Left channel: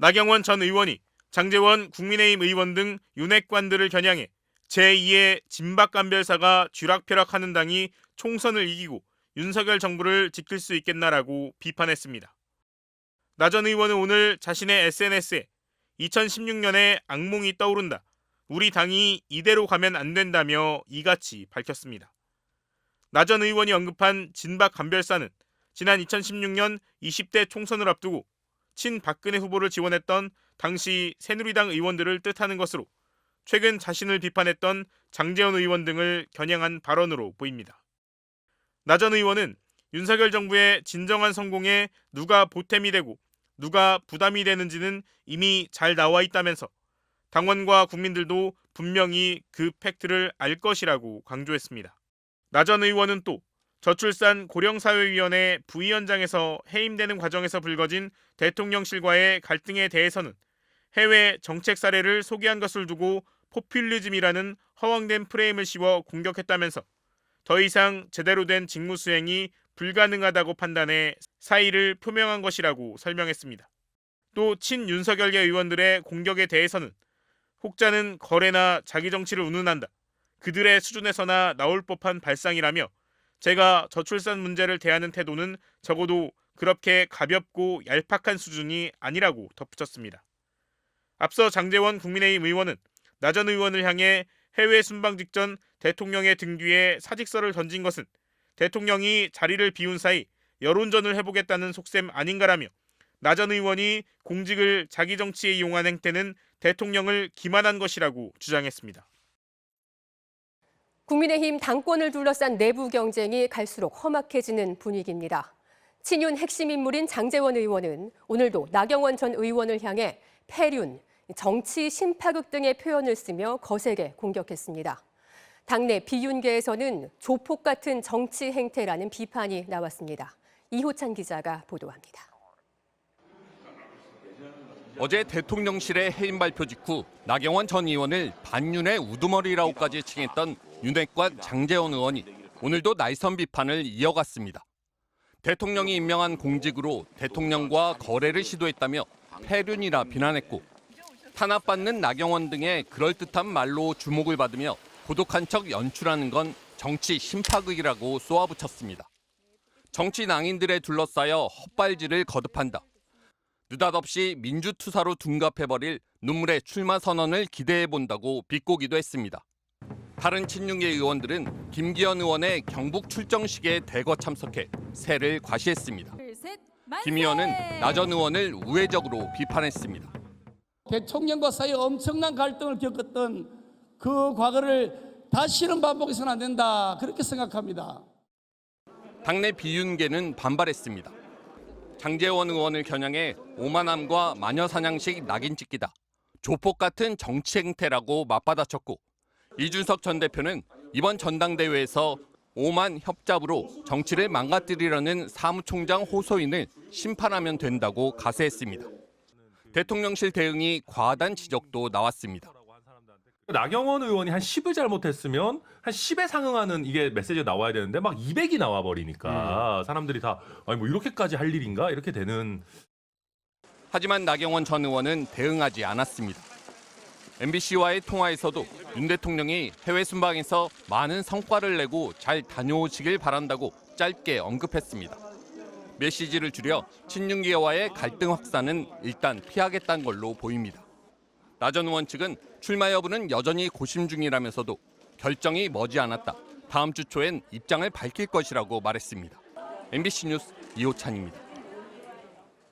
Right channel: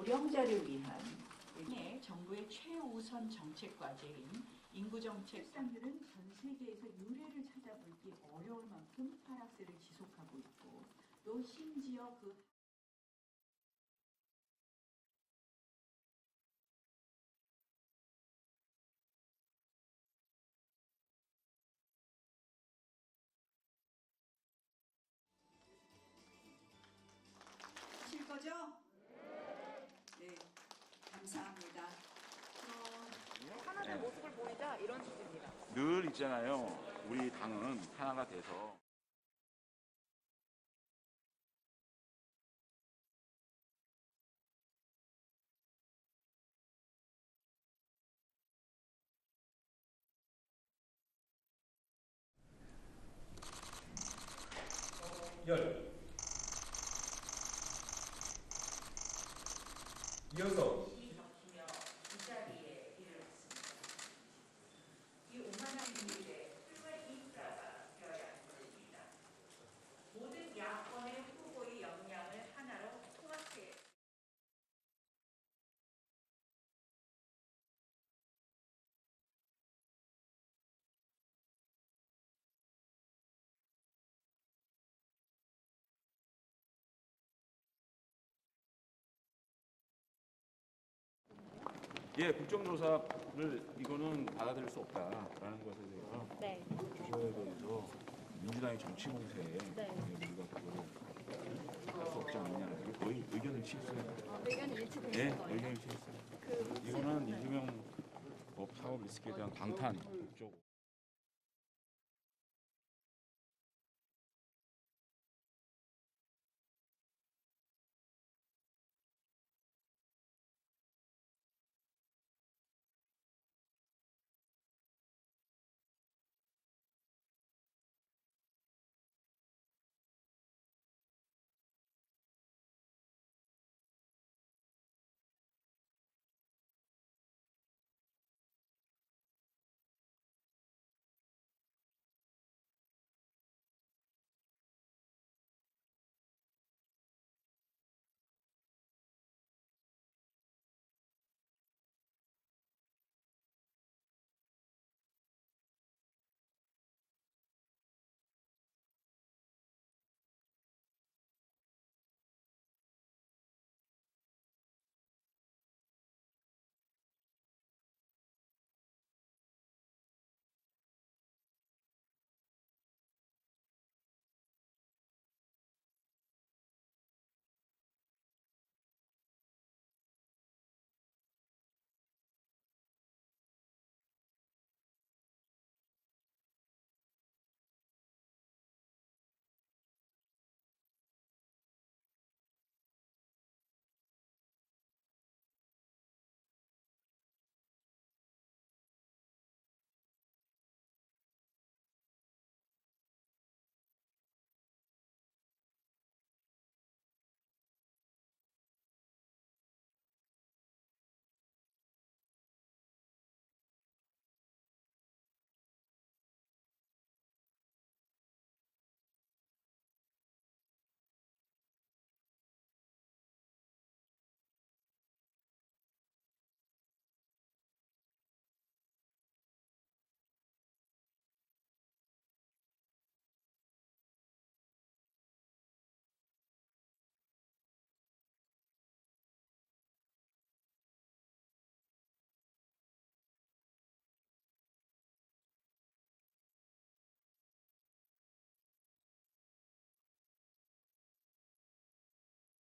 나경원 전 의원이 장제원 국민의힘 의원 등 윤핵관들을 겨냥해 제2의 진박감별사가 쥐락펴락하는 당이 총선을 이기고 윤석열 정부를 지킬 수 있겠나라고 비판했습니다. 나 전 의원은 오늘 자신의 SNS에 2016년에 악몽이 떠오른다. 우리 당이 이대로 가면 안 된다며 이같이 밝혔습니다. 나 전 의원이 언급한 진박감별사는 지난 2016년 20대 총선을 앞두고 친박근혜 후보를 지원했던 당시 새누리당 의원들을 뜻하는 것으로 최근 자신을 비판했던 장제원 의원 등을 겨냥한 발언으로 보입니다. 나 전 의원은 윤석열 정부의 진정한 성공에 누가 보탬이 되고 누가 부담이 되는지는 이미 잘 나와 있다면서 당원과 국민들도 분명히 그 팩트를 알 것이라고 강조했습니다. 나 전 의원은 또 저출산 고령사회위원회 부위원장에서 해임되는 과정에서 불거진 대통령실과의 갈등에 대해서는 해외 정책 사례를 소개한 것을 두고 포퓰리즘이라는 허황된 프레임을 씌워 공격했다면서 더 이상 제대로 된 직무 수행이 불가능하다고 판단해 사의를 표명한 것이라고 설명했습니다. 또 친윤석열계 의원들의 공격에 대해서는 혹자는 거래나 자기 정치를 운운한다. 그들의 수준에서나 나올 법한 발상이라며 제가 저출산 문제를 대하는 태도는 적어도 그렇게 가볍고 얄팍한 수준이 아니라고 덧붙였습니다. 앞서 장제원 국민의힘 의원은 나 전 의원을 향해 해외 순방 직전 대통령의 등 뒤에 사직서를 던진 것은 대통령이 자리를 비운 사이 여론전을 해보겠다는 속셈 아닌가라며 나 전 의원이 공직을 자기 정치에 이용한 행태는 대통령을 기만한 것이라고 주장했습니다. 국민의힘 당권을 둘러싼 내부 경쟁이 갈수록 험악해지는 분위기입니다. 친윤 핵심 인물인 장제원 의원은 오늘도 나경원 전 의원을 향해 폐륜, 정치 신파극 등의 표현을 쓰며 거세게 공격했습니다. 당내 비윤계에서는 조폭 같은 정치 행태라는 비판이 나왔습니다. 이호찬 기자가 보도합니다. 어제 대통령실의 해임 발표 직후 나경원 전 의원을 반윤의 우두머리라고까지 칭했던 윤핵관 장제원 의원이 오늘도 날선 비판을 이어갔습니다. 대통령이 임명한 공직으로 대통령과 거래를 시도했다며 폐륜이라 비난했고 탄압받는 나경원 등의 그럴듯한 말로 주목을 받으며 고독한 척 연출하는 건 정치 심파극이라고 쏘아붙였습니다. 정치 낭인들에 둘러싸여 헛발질을 거듭한다. 느닷없이 민주투사로 둔갑해버릴 눈물의 출마 선언을 기대해본다고 비꼬기도 했습니다. 다른 친윤계 의원들은 김기현 의원의 경북 출정식에 대거 참석해 세를 과시했습니다. 김 의원은 나 전 의원을 우회적으로 비판했습니다. 대통령과 사이에 엄청난 갈등을 겪었던 그 과거를 다시는 반복해서는 안 된다, 그렇게 생각합니다. 당내 비윤계는 반발했습니다. 장제원 의원을 겨냥해 오만함과 마녀사냥식 낙인 찍기다, 조폭 같은 정치 행태라고 맞받아쳤고 이준석 전 대표는 이번 전당대회에서 오만 협잡으로 정치를 망가뜨리려는 사무총장 호소인을 심판하면 된다고 가세했습니다. 대통령실 대응이 과하다는 지적도 나왔습니다. 나경원 의원이 한 10을 잘못했으면 한 10에 상응하는 이게 메시지가 나와야 되는데 막 200이 나와 버리니까 사람들이 다 아니 뭐 이렇게까지 할 일인가 이렇게 되는. 하지만 나경원 전 의원은 대응하지 않았습니다. MBC와의 통화에서도 윤 대통령이 해외 순방에서 많은 성과를 내고 잘 다녀오시길 바란다고 짧게 언급했습니다. 메시지를 줄여 친윤계와의 갈등 확산은 일단 피하겠다는 걸로 보입니다. 나 전 의원 측은 출마 여부는 여전히 고심 중이라면서도 결정이 머지않았다, 다음 주 초엔 입장을 밝힐 것이라고 말했습니다. MBC 뉴스 이호찬입니다.